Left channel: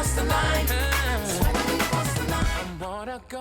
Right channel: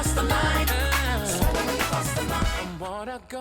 cross the line. I wanna go.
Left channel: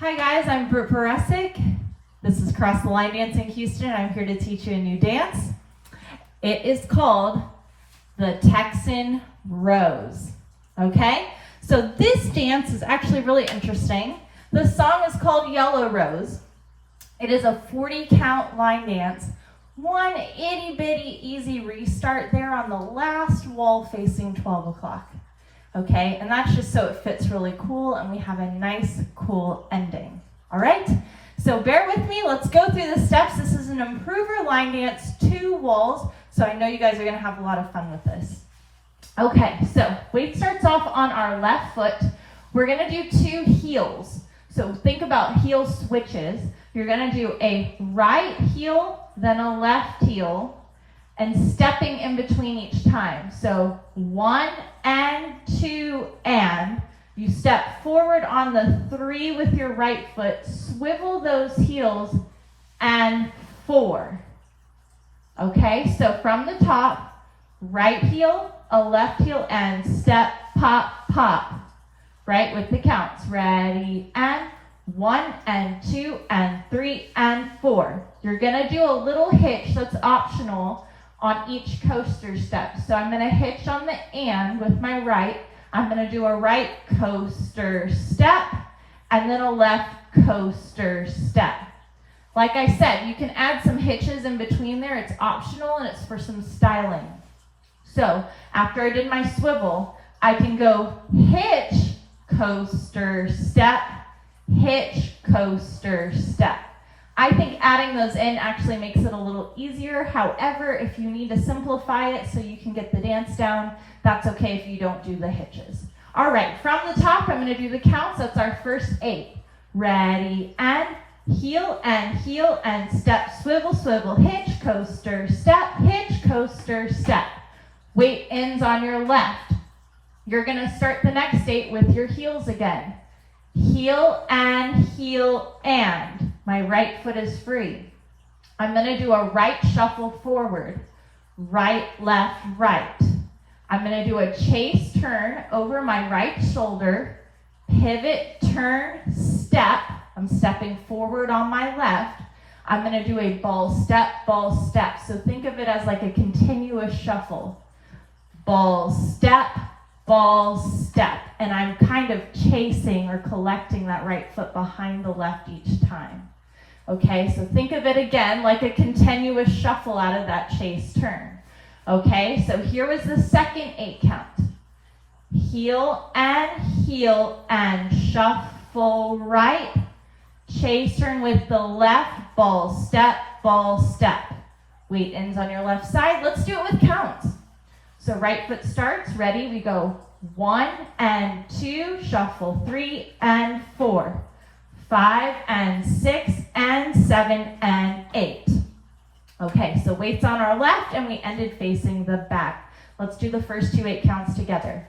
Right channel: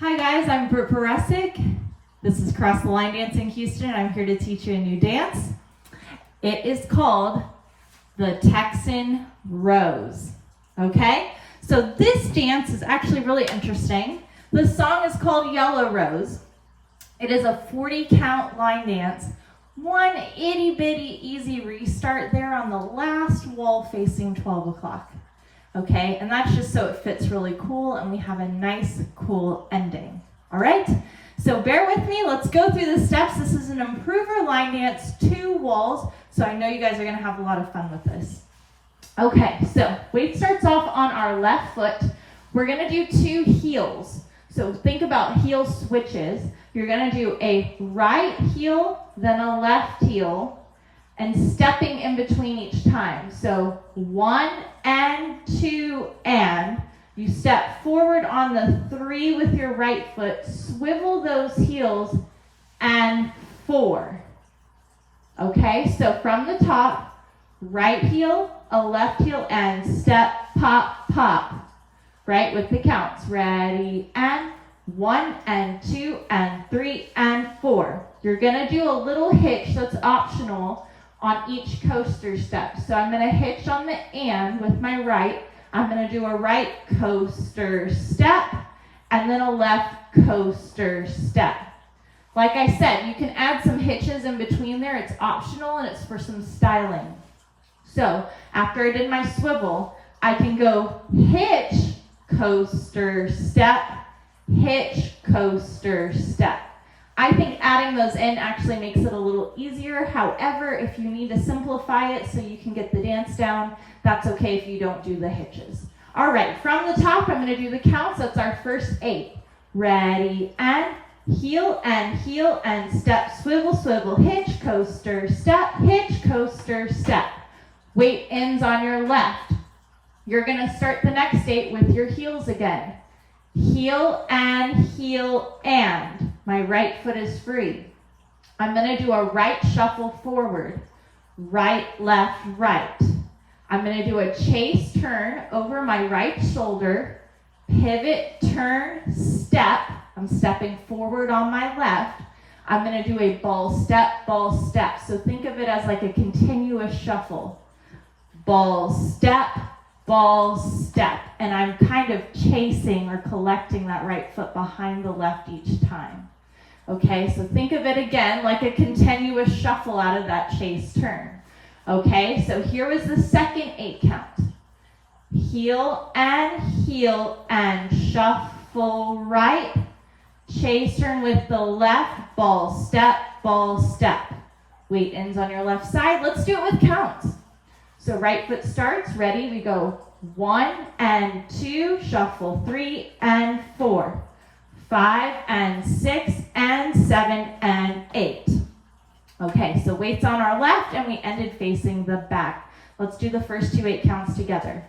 Hi guys, I'm Britt Beresik. This is Cross the Line Dance in Houston. I'm here to teach you a new dance. It is called the Texan Rose. Okay? So this dance is actually really interesting. The song is called Yellow Rose. It is a 40 count line dance. One itty bitty easy restart there on the last wall facing 12 o'clock. Okay, and that's just so it fits really cool and we have a nice, cool ending. All right, so bear with me. Let's go through the steps. This is an improver line dance, 2 walls, so I know you guys are going to have a lot of fun with this. Okay, so weight starts off on our left foot. We're going to do 2 heels. So think about heel switches. You're going to do a right heel, then a left heel, and stepping in between each time. So 1 and 2 and. You step forward on the 3 with your right foot, swivel those heels, and 4. Okay, so from the top, right heel, a left heel, and step, pop, pop. Right, with the counts. Ready, and 1 and 2 and 3 and 4. You're gonna do a little hitch, that's optional, on each coaster step. So I'm going to hitch on the and with my right. I'm going to do a right coaster step and then a left coaster step. Like I said, you can add some hitches in between there. It's optional and it's for some styling. So after I did my swivel, I can go hitch, coaster, step, hitch, coaster, step. I think adding those in actually makes it a little easier. However, if you need to simplify it so you can get the dance down, that's okay if you don't do the hitches. All right, from the top, I'm going to do the counts. That's our first 8. Ready, and heel, and step, swivel, swivel, hitch, coaster, step, hitch, coaster, step. Weight ends on your left. You're going to start the next 8 with your heels again. Heel, and my right foot is free. I'm going to do a right shuffle forward. Right, left, right. I'm going to do a chase turn over my right shoulder. Pivot, turn, step. I'm stepping forward on my left. I'm going to do a ball, step, ball, step. So think of it as like a continuous shuffle. Ball, step, ball, step. And I'm kind of chasing or collecting that right foot behind the left each time. Okay, so think of it again like a continuous shuffle out of that chase turn. Okay, so here was the second 8 count. Heel, and shuffle right. Chase turn with the left, ball, step, ball, step. Weight ends on your left side. Let's do it with counts. So right foot starts, ready, we go 1 and 2, shuffle 3 and 4, 5 and 6 and 7 and 8. Okay, so weight's on our left and we ended facing the back. Let's do the first 2 8 counts together.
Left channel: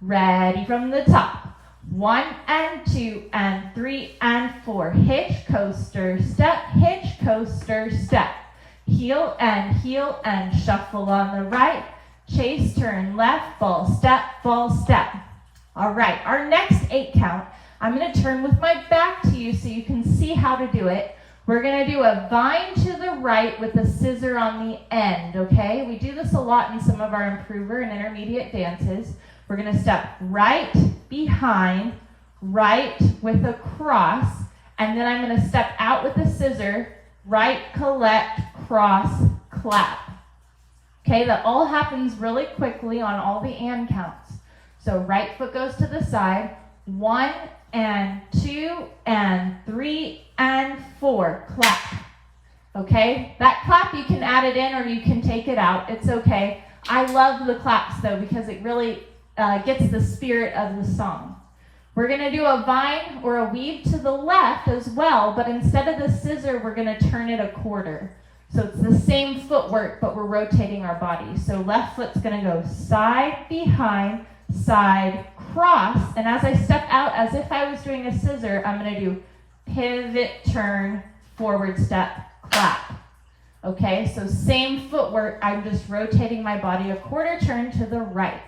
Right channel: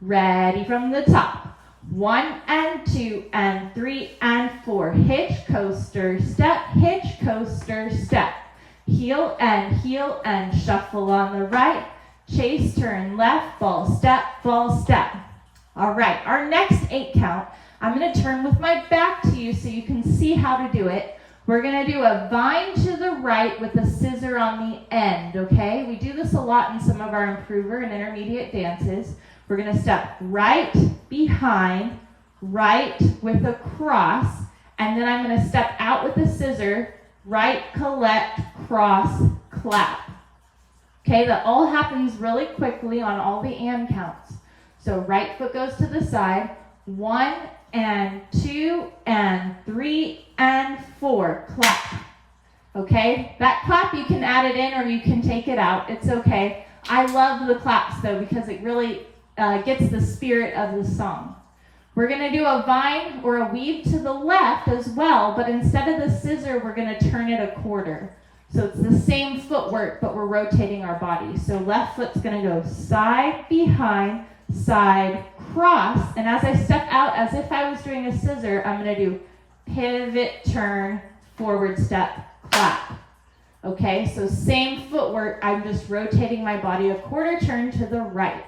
Ready from the top. 1 and 2 and 3 and 4. Hitch, coaster, step, hitch, coaster, step. Heel, and shuffle on the right. Chase, turn left, ball, step, ball, step. All right, our next 8 count, I'm going to turn with my back to you so you can see how to do it. We're going to do a vine to the right with a scissor on the end, okay? We do this a lot in some of our improver and intermediate dances. We're going to step right behind, right with a cross, and then I'm going to step out with a scissor, right, collect, cross, clap. Okay, that all happens really quickly on all the and counts. So right foot goes to the side, 1 and 2 and 3 and 4, clap. Okay, that clap you can add it in or you can take it out, it's okay. I love the claps though because it really gets the spirit of the song. We're going to do a vine or a weave to the left as well, but instead of the scissor, we're going to turn it a quarter. So it's the same footwork, but we're rotating our body. So left foot's going to go side, behind, side, cross. And as I step out, as if I was doing a scissor, I'm going to do pivot, turn, forward step, clap. Okay, so same footwork. I'm just rotating my body a quarter turn to the right.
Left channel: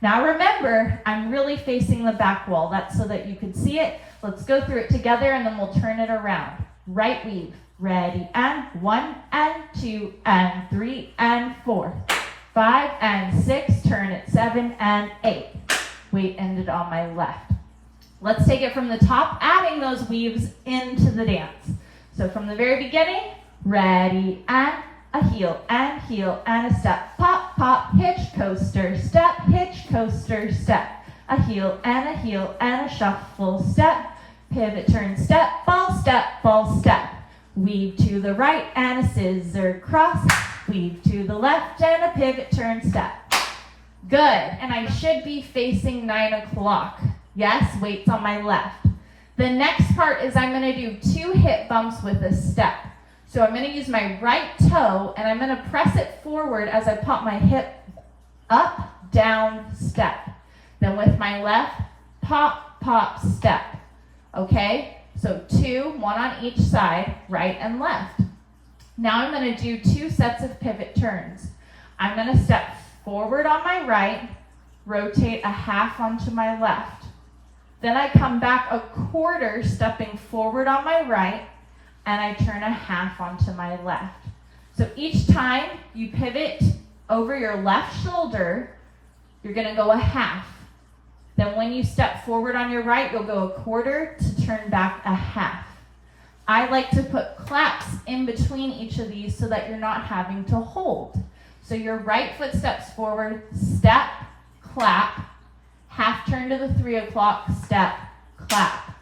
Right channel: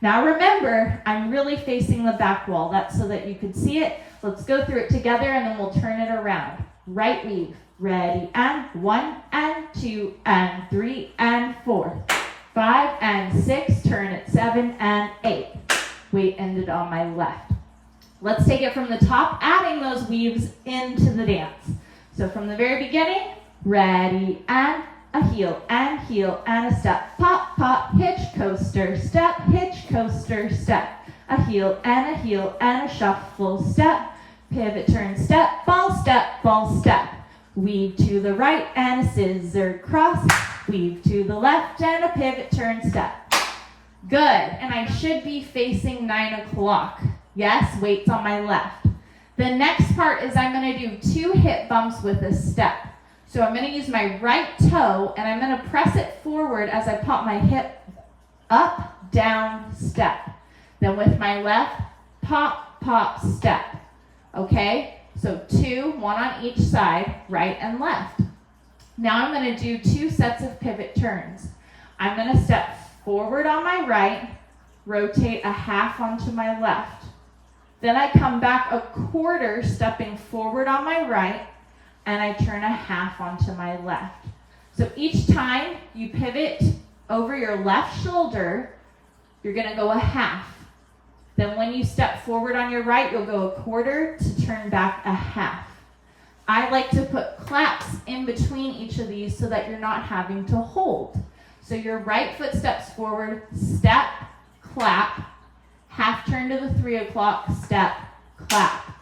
Now remember, I'm really facing the back wall. That's so that you can see it. Let's go through it together and then we'll turn it around. Right weave. Ready, and 1 and 2 and 3 and 4, 5 and 6, turn it 7 and 8. Weight ended on my left. Let's take it from the top, adding those weaves into the dance. So from the very beginning, ready, and a heel, and a step, pop, pop, hitch, coaster, step, hitch, coaster, step. A heel, and a shuffle, step, pivot, turn, step, ball, step. Weave to the right and a scissor cross. Weave to the left and a pivot turn step. Good. And I should be facing 9 o'clock. Yes, weight's on my left. The next part is I'm going to do 2 hip bumps with a step. So I'm going to use my right toe and I'm going to press it forward as I pop my hip up, down, step. Then with my left, pop, pop, step. Okay? So 2, 1 on each side, right and left. Now I'm going to do 2 sets of pivot turns. I'm going to step forward on my right, rotate a half onto my left. Then I come back a quarter, stepping forward on my right, and I turn a half onto my left. So each time you pivot over your left shoulder, you're going to go a half. Then when you step forward on your right, you'll go a quarter to turn back a half. I like to put claps in between each of these so that you're not having to hold. So your right foot steps forward, step, clap, half turn to the 3 o'clock, step, clap.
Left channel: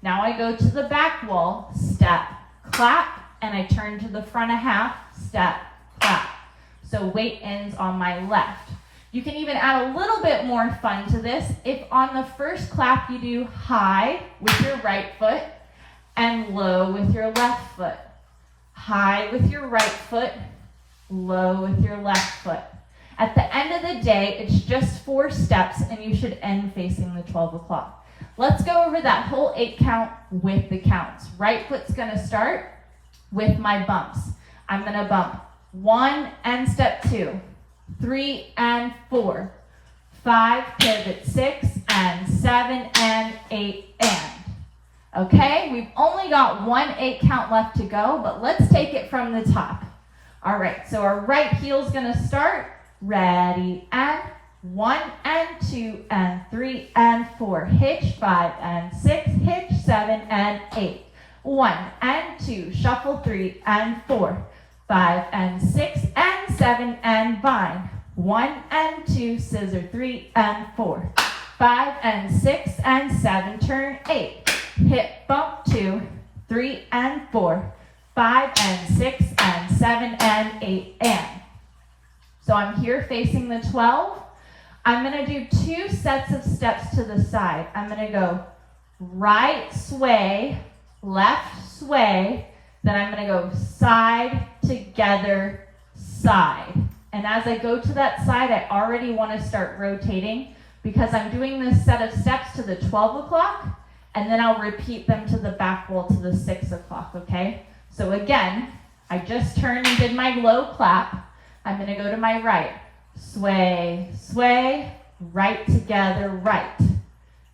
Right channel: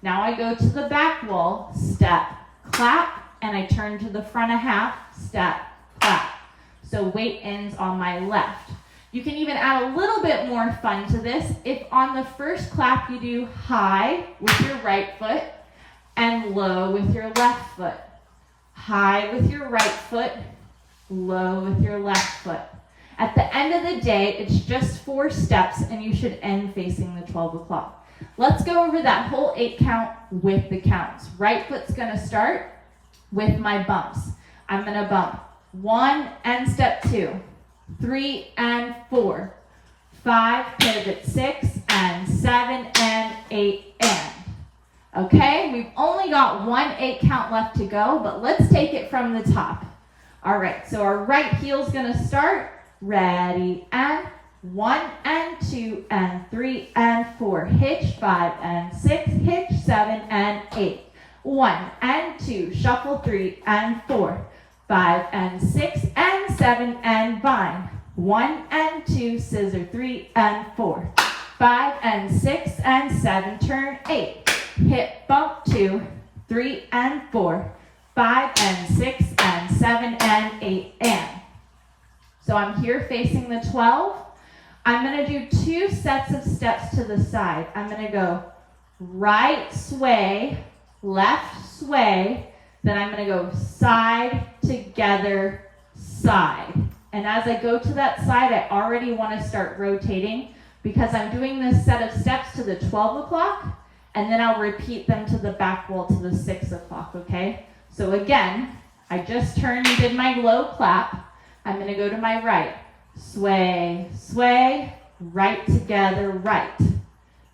Now I go to the back wall, step, clap, and I turn to the front a half, step, clap. So weight ends on my left. You can even add a little bit more fun to this. If on the first clap you do high with your right foot and low with your left foot. High with your right foot, low with your left foot. At the end of the day, it's just 4 steps and you should end facing the 12 o'clock. Let's go over that whole 8 count with the counts. Right foot's gonna start with my bumps. I'm gonna bump 1 and step 2, 3 and 4, 5, pivot 6 and 7 and 8 and. Okay, we've only got 1 8 count left to go, but let's take it from the top. All right, so our right heel's gonna start. Ready, and 1 and 2 and 3 and 4. Hitch, 5 and 6. Hitch, 7 and 8. 1 and 2. Shuffle, 3 and 4. 5 and 6 and 7 and bind. 1 and 2. Scissor, 3 and 4. 5 and 6 and 7. Turn 8. Hip bump 2, 3 and 4. 5 and 6 and 7 and 8 and. So I'm here facing the 12. I'm going to do 2 sets of steps to the side. I'm going to go right sway, left sway, then I'm going to go side, together, side. And as I go to that side, I already want to start rotating because I'm doing this set of steps to the 12 o'clock, and then I'll repeat them to the back wall to the 6 o'clock, okay? So again, I just turned and did my low clap. I'm going to go to my right. Sway, sway, right together, right.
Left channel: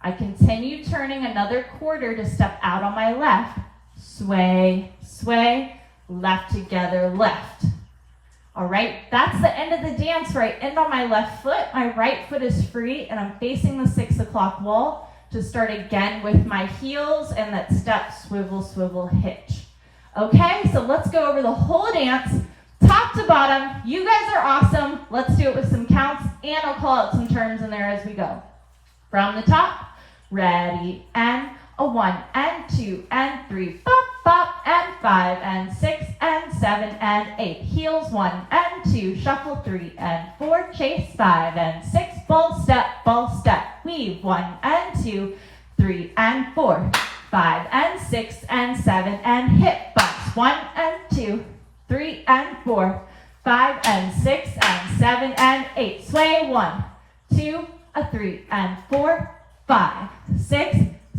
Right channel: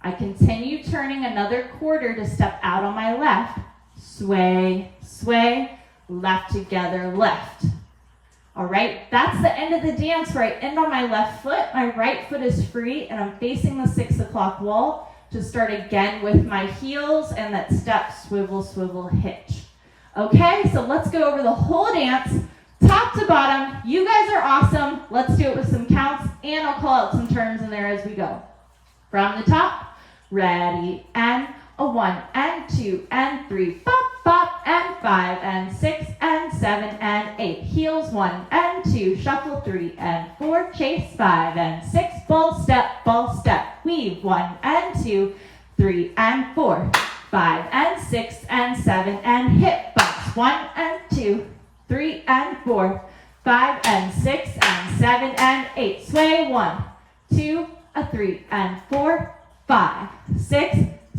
I continue turning another quarter to step out on my left. Sway, sway, left together, left. All right, that's the end of the dance where I end on my left foot. My right foot is free, and I'm facing the 6 o'clock wall to start again with my heels and that step, swivel, swivel, hitch. Okay, so let's go over the whole dance. Top to bottom, you guys are awesome. Let's do it with some counts, and I'll call out some turns in there as we go. From the top, ready, and a 1 and 2 and 3, bop, bop, and 5 and 6 and 7 and 8. Heels 1 and 2, shuffle 3 and 4, chase 5 and 6, ball step, weave 1 and 2, 3 and 4, 5 and 6 and 7 and hip bumps 1 and 2, 3 and 4, 5 and 6 and 7 and 8. Sway 1, 2, 3 and 4, 5, 6,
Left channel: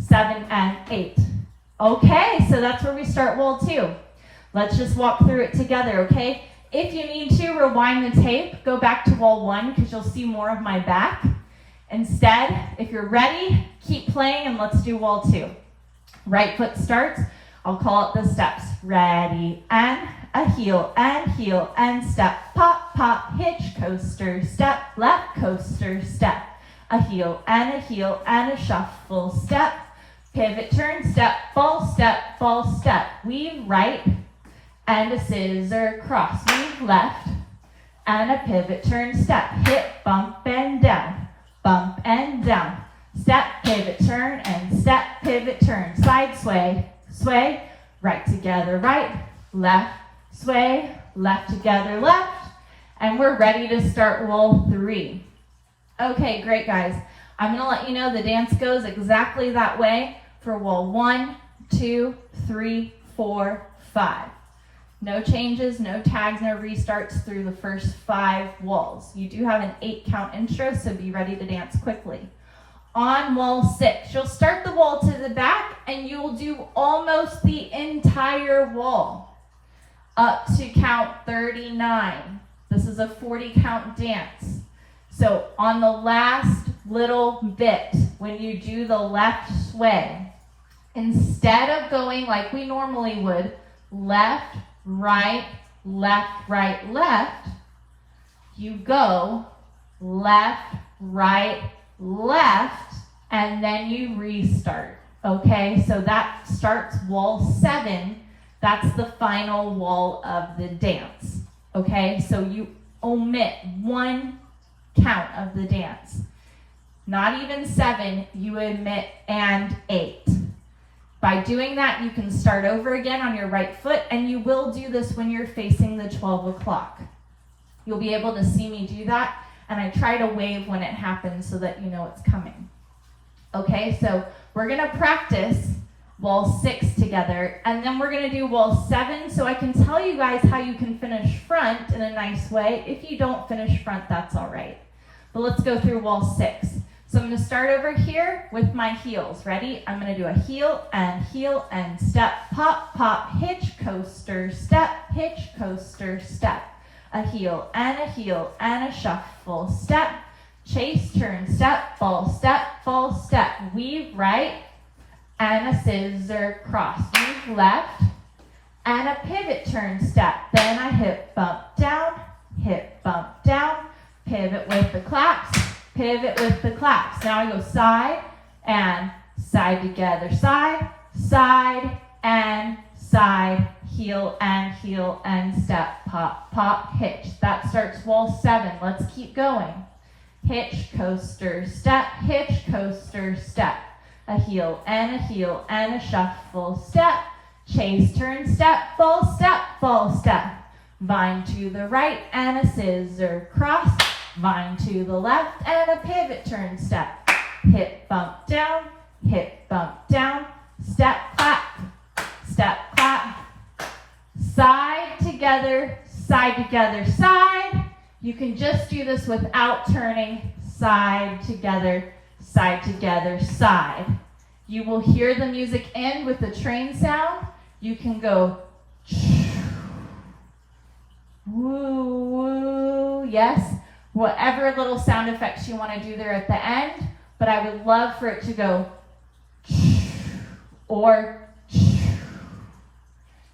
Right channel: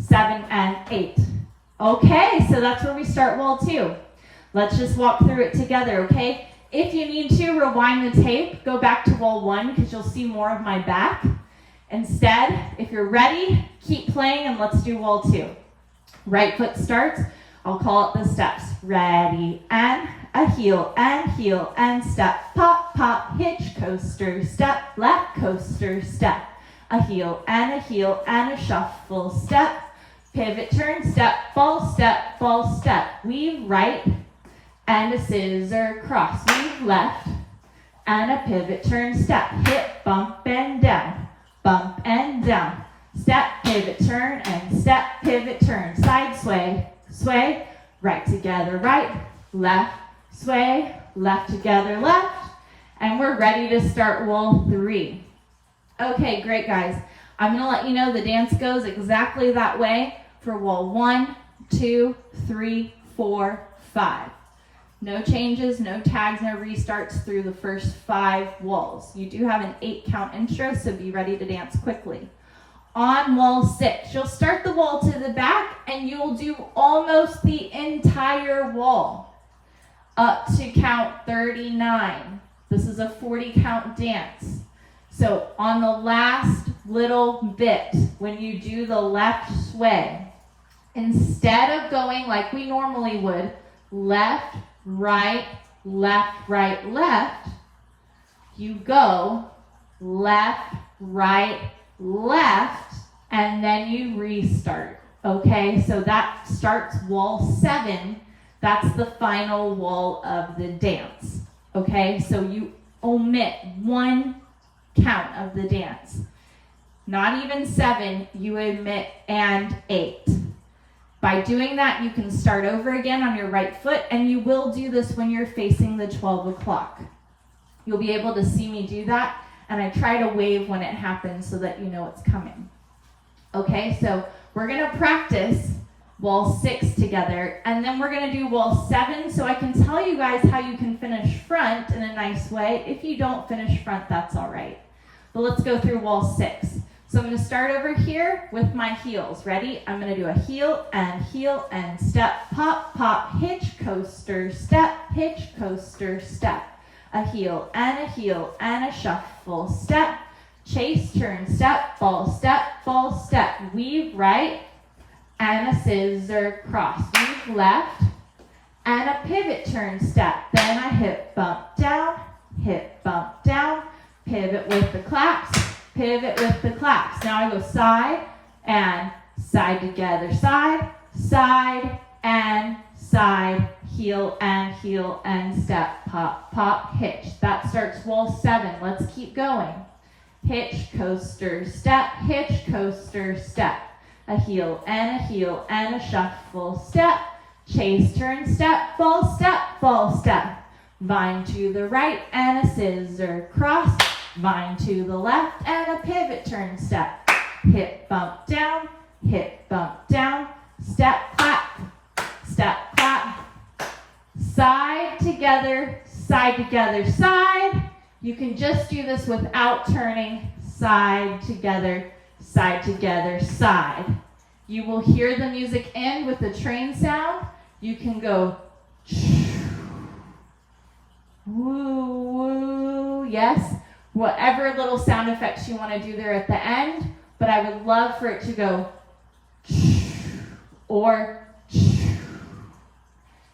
7 and 8. Okay, so that's where we start wall 2. Let's just walk through it together, okay? If you need to, rewind the tape, go back to wall 1 because you'll see more of my back. Instead, if you're ready, keep playing and let's do wall 2. Right foot starts. I'll call it the steps. Ready, and a heel, and step. Pop, pop, hitch, coaster, step. Left, coaster, step. A heel, and a shuffle, step. Pivot, turn, step, ball, step. Weave right, and a scissor, cross. Weave left, and a pivot, turn, step. Hip, bump, and down. Bump, and down. Step, pivot, turn, and step, pivot, turn. Side sway, sway, right together, right, left, sway, left together, left, and we're ready to start wall 3. Okay, great guys. I'm going to let you know the dance goes exactly that way for wall 1, 2, 3, 4, 5. No changes, no tags, no restarts through the first 5 walls. You do have an 8 count intro, so be ready to dance quickly. On wall 6, you'll start the wall to the back and you'll do almost the entire wall up to count 39. This is a 40 count dance. So on the last little bit, when you do the left sway, instead of going like we normally would, left, right, left, right, left, you go left, right, left, and then you restart. Okay, so that starts wall 7. That's the final wall of the dance. Okay, so you omit one count of the dance. Not even 7, you omit and 8. By doing that, you can start over again on your right foot, and you will do this when you're facing the 12 o'clock. You'll be able to see me do that, and I try to wave when it happens so that you know it's coming. Okay, so we're going to practice wall 6 together, and then we're going to do wall 7, so I can tell you guys how you can finish front in a nice way. If you don't finish front, that's all right. But let's go through wall 6. So I'm going to start over here with my heels. Ready? I'm going to do a heel and step, pop, pop, hitch, coaster, step, hitch, coaster, step. A heel and a shuffle, step, chase, turn, step, fall, step, weave right, and a scissor cross, weave left, and a pivot turn step, then a hip bump down, pivot with the claps, Now I go side and side together, side and side, heel and step, pop, pop, hitch. That starts wall 7. Let's keep going. Hitch, coaster, step, hitch, coaster, step. A heel and a shuffle, step, chase, turn, step, fall, step. Vine to the right and a scissor cross, vine to the left and a pivot turn step. Hip bump down, step, clap, side together, side. You can just do this without turning, side together, side. You will hear the music end with the train sound. You can go woo, woo, yes. Whatever little sound effects you want to do there at the end, but I would love for it to go or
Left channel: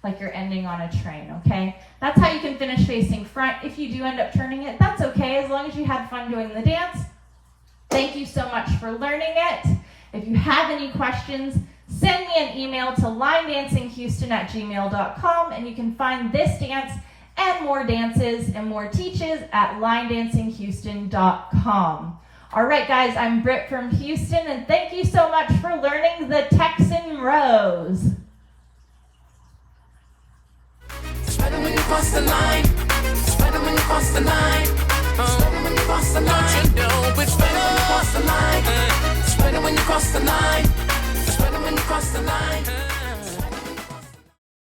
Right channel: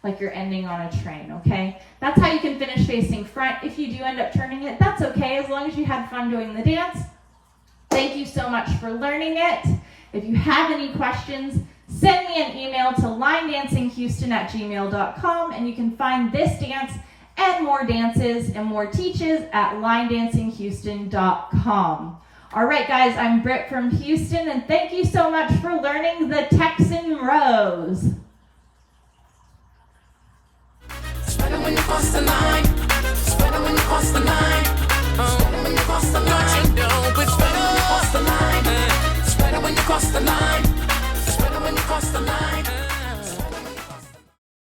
like you're ending on a train, okay? That's how you can finish facing front. If you do end up turning it, that's okay, as long as you had fun doing the dance. Thank you so much for learning it. If you have any questions, send me an email to linedancinghouston@gmail.com, and you can find this dance and more dances and more teaches at linedancinghouston.com. All right, guys, I'm Britt from Houston, and thank you so much for learning the Texan Rose.